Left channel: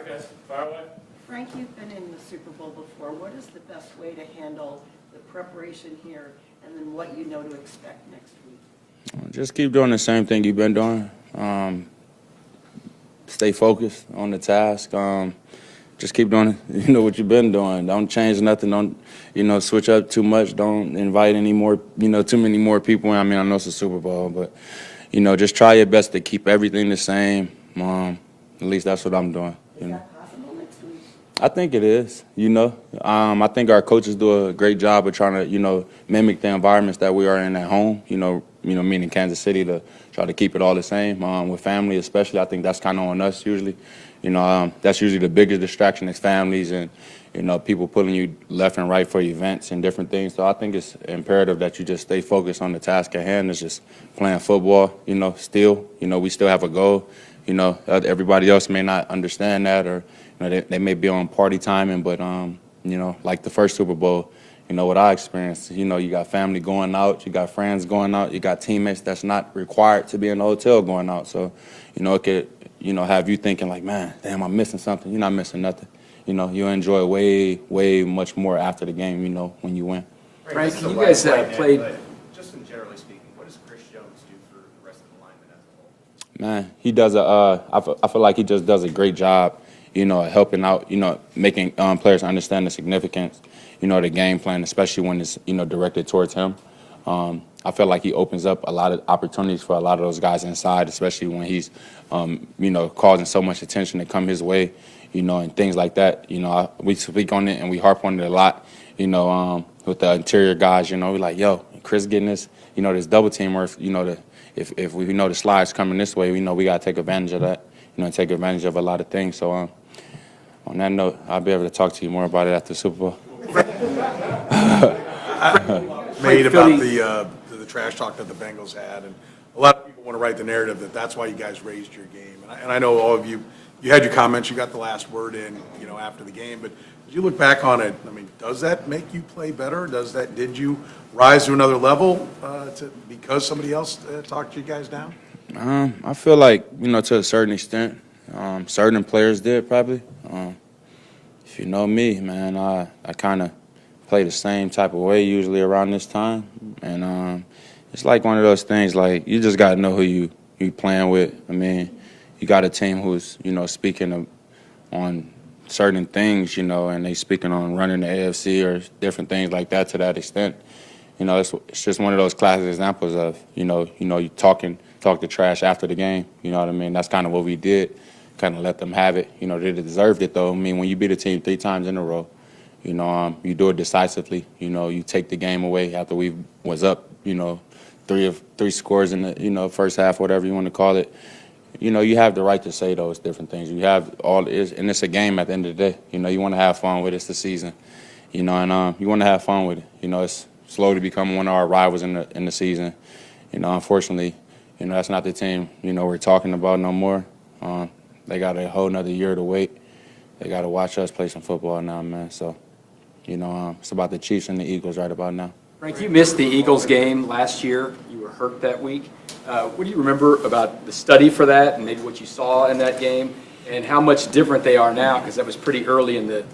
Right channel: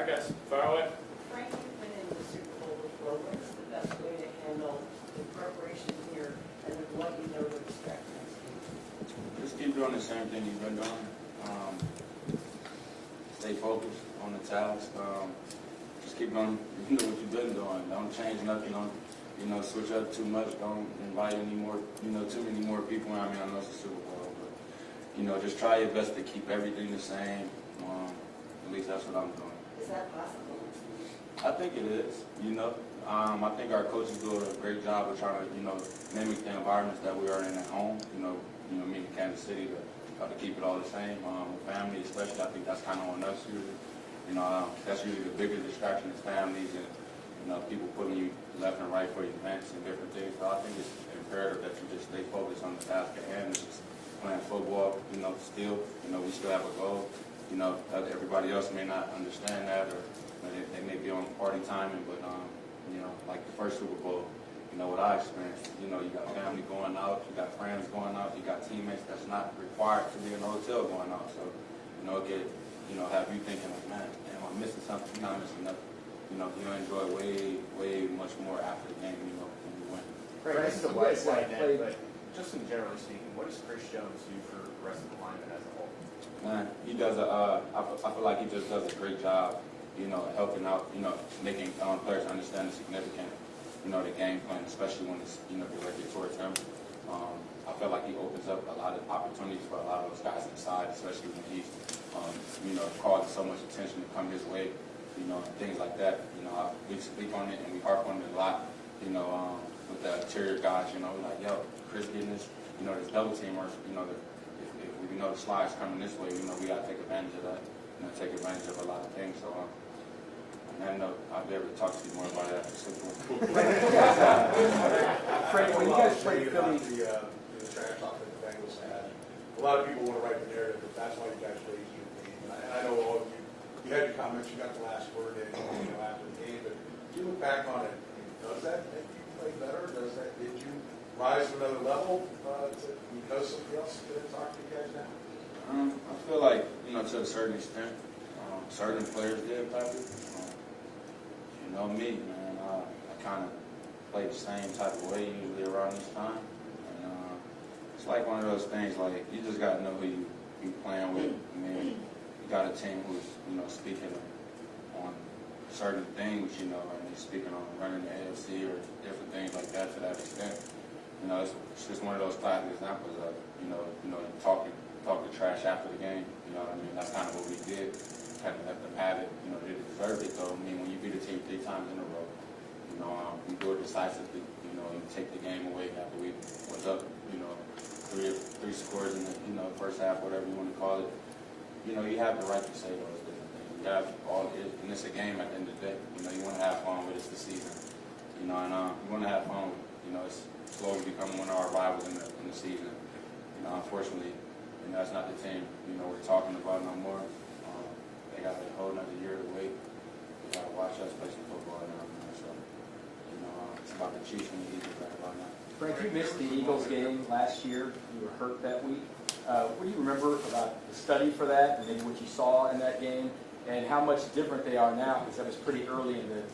All right, guys, fire away. Frank, you've been in the Super Bowl before. What is the best way to handle the preparation here and then what you know to expect next week? Just keep doing the same thing you've been doing. Stay focused on the task. Just keep doing, what you've been doing. Don't change nothing. Don't, switch up too much. Don't invite any more, too many more people. I mean, I know it's a Super Bowl, but, just try your best to keep everything the same. At least that's what I'm doing. Is that possible next week? I think it is, I think our coaches do a great job of trying to, mimic the environments that we are in at home, meaning Kansas City, to try to keep it all the same. With family especially, I think that's kind of on us usually. That's usually the biggest distraction is families and, people pulling you left and right for events and different things. So I think it's imperative that you just stay focused on the task at hand. It's just playing football, still. We still have a goal. Everybody else may not understand that or, they may be on party timing, but, like the first Super Bowl, what I experienced, you got family going out, you got friends going out, you got teammates that's not required to be in the hotel going out. So, it could, have you thinking like, man, damn, I'm missing something. You're not missing nothing. You enjoy way much more after the game, when you win. Frank, you guys played. Just in generally speaking, what does Chris Jones do for the rest of the linemen as a whole? Man, he does I feel like he just does a great job, helping out, making players understand the significance, the game plan, especially when it's, directed towards him. I feel like he opens up a lot of opportunities for a lot of those guys inside, especially when he's, causing so much attention to come his way, and things like that. We speak on it and we harp on it a lot, with the interior guys, we're like, yo, Chris getting this, this double team, or, if we know the slide's coming this way, we got to take advantage of that, take advantage of a lot of things. So on that note, I'll be able to talk to you more about it after the Super Bowl. Made about the trash talk that the Bengals had, and a lot of people want to write the narrative that that's why you guys raised your game. And I know all of you had your comments, you got the last word in, after the game. But did you look back on it? I mean, does that make you play better? Did you rise to another level because somebody else talked you guys down? I feel like, to a certain extent, certain players did probably. If you know me, man, I kind of play the same type of way usually around this time. And it's like one of those things, like, you just got to know who you playing with. I mean, you got a team who's, speaking on certain things, and they speaking on running the AFC or different things like that to that extent. It's just one of those classic examples of, you talk the trash after the game. You know what I mean? That's kind of what we did, kind of let them have it. They deserved it, though. I mean, when you beat a team 3 times in a row, you do it decisively. You take the game away after we was up, 3 scores in the, first half, whatever you want to call it. You have the right to say those different things. You have and it's a game at the end of the day. You want to have fun with it. It's the season, and you want to have fun with it. It's slowly becoming one of our rivals in the season. Unfortunately, that's not the team, we're talking about no more. They got a whole nother year to wait. They got to watch us play some football now, man. So, it's about the Chiefs and the Eagles right about now. Frank, you missed the Eagles game last year. You were hurt that week. What do you remember about the study for that and maybe what you saw in that game and how much different they are now? Because that was pretty early in the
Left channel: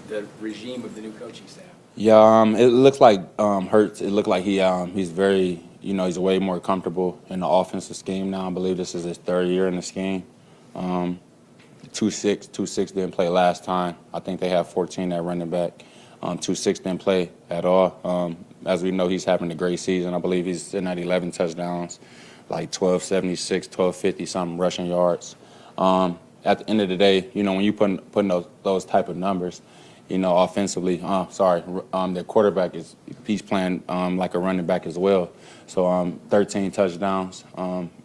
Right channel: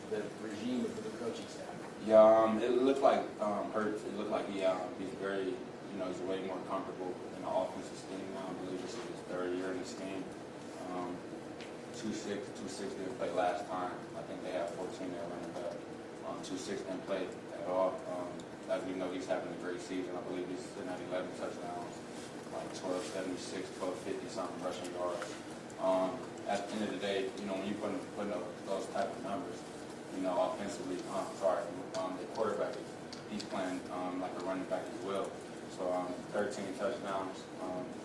regime of the new coaching staff. Yeah, it looks like Hurts. It looked like he's very, he's way more comfortable in the offensive scheme now. I believe this is his 3rd year in the scheme. 2-6 didn't play last time. I think they have 14 at running back. 2-6 didn't play at all. As we know, he's having a great season. I believe he's sitting at 11 touchdowns, like 1276, 1250 something rushing yards. At the end of the day, when you putting those type of numbers, offensively, the quarterback he's playing like a running back as well. So 13 touchdowns.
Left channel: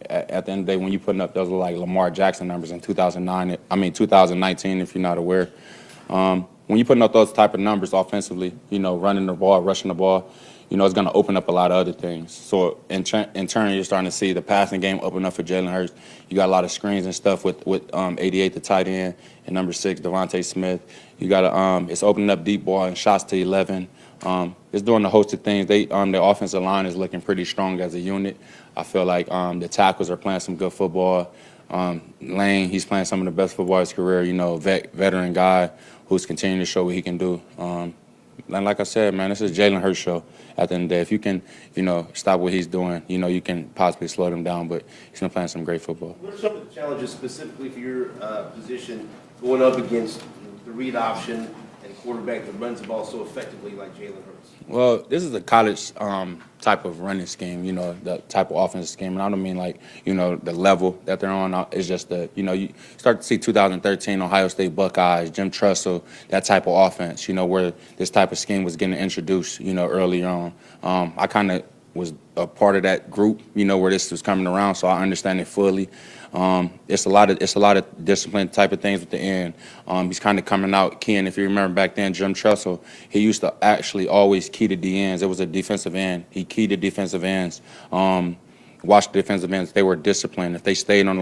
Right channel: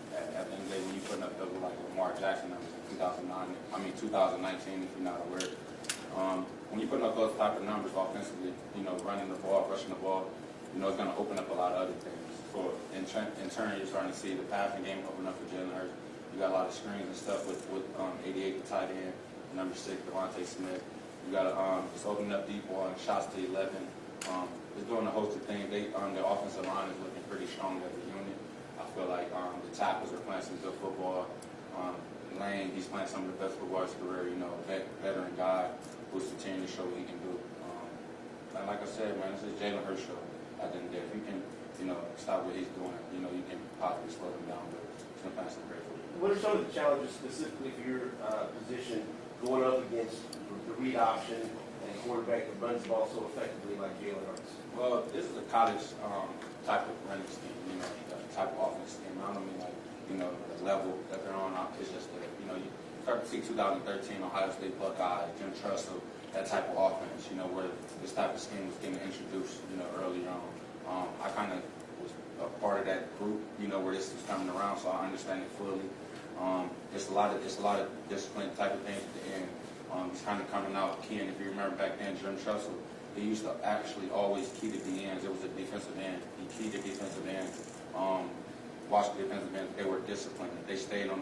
At the end of the day, when you putting up those like Lamar Jackson numbers in 2019, if you're not aware, when you putting up those type of numbers offensively, running the ball, rushing the ball, it's going to open up a lot of other things. So in turn, you're starting to see the passing game open up for Jalen Hurts. You got a lot of screens and stuff with 88, the tight end, and number 6, Devontae Smith. You got it's opening up deep ball and shots to 11. It's doing a host of things. The offensive line is looking pretty strong as a unit. I feel like the tackles are playing some good football. Lane, he's playing some of the best football of his career, you know, veteran guy who's continuing to show what he can do. And like I said, man, this is Jalen Hurts show at the end of the day. If you can, you know, stop what he's doing, you know, you can possibly slow him down, but he's been playing some great football. What are some of the challenges specifically for your position going up against the read option and quarterback that runs the ball so effectively like Jalen Hurts? Well, this is a college type of running scheme, you know, the type of offensive scheme. And I don't mean like, you know, the level that they're on. It's just the, you know, you start to see 2013 Ohio State Buckeyes, Jim Tressel, that type of offense, you know, where this type of scheme was getting introduced, you know, early on. I kind of was a part of that group, you know, where this was coming around, so I understand it fully. It's a lot of discipline type of things at the end. He's kind of coming out keying. If you remember back then, Jim Tressel, he used to actually always key to the ends. It was a defensive end. He keyed to defensive ends. Watched the defensive ends. They were disciplined. If they stayed on the line,